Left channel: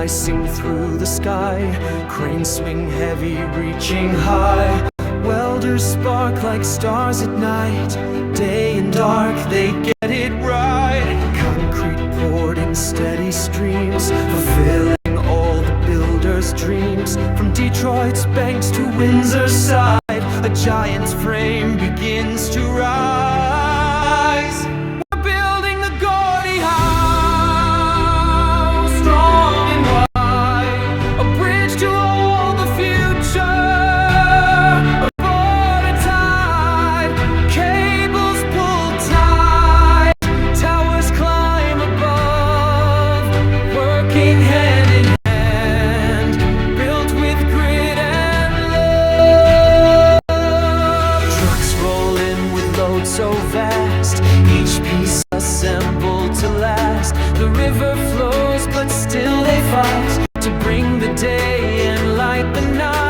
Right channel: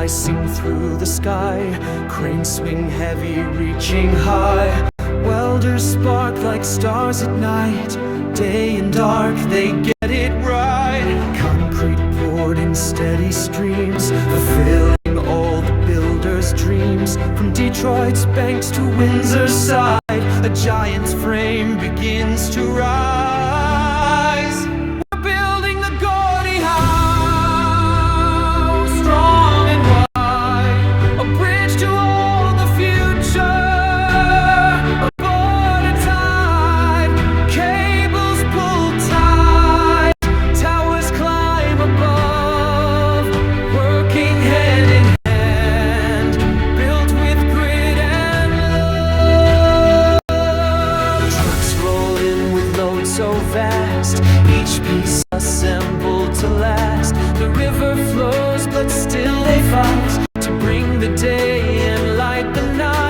slicing through the sky. Cranes swing heavy, reaching high. Welders spark like stars at night. Day and dark, they get it right. Concrete poured in steady streams, fulfilling all the builders' dreams. From Detroit's banks to Windsor's side, a giant's frame begins to rise. We're building the Gordie Howe, strong and wide, a bridge to all the future. Working hand in hand, built with grit and love. Trucks roll in with loads so vast, each piece assembled to last. The river flows, but still they fight to bring the day and light the night.